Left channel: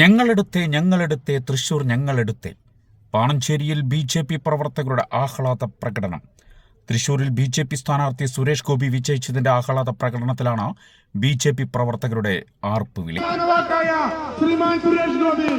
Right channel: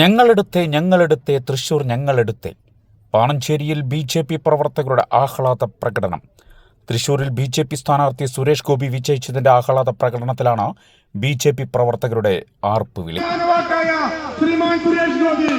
ഞങ്ങളെടുത്തേ ഞങ്ങളെടുത്തേ തൃശൂർ ഞങ്ങളെടുത്തേ. പാണഞ്ചേരിയിൽ ബി ജെ പി പ്രവർത്തകരുടെ ആഹ്ലാദ പ്രകടനം. തൃശൂരിൽ ബി ജെ പി സ്ഥാനാർത്ഥി സുരേഷ് ഗോപി വിജയിച്ചതിന്റെ ആഹ്ലാദ പ്രകടനത്തിലാണ് ബി ജെ പി പ്രവർത്തകരുടെ ആർപ്പുവിളി വോട്ടായ ശ്രീമാൻ സുരേഷ് ഗോപി.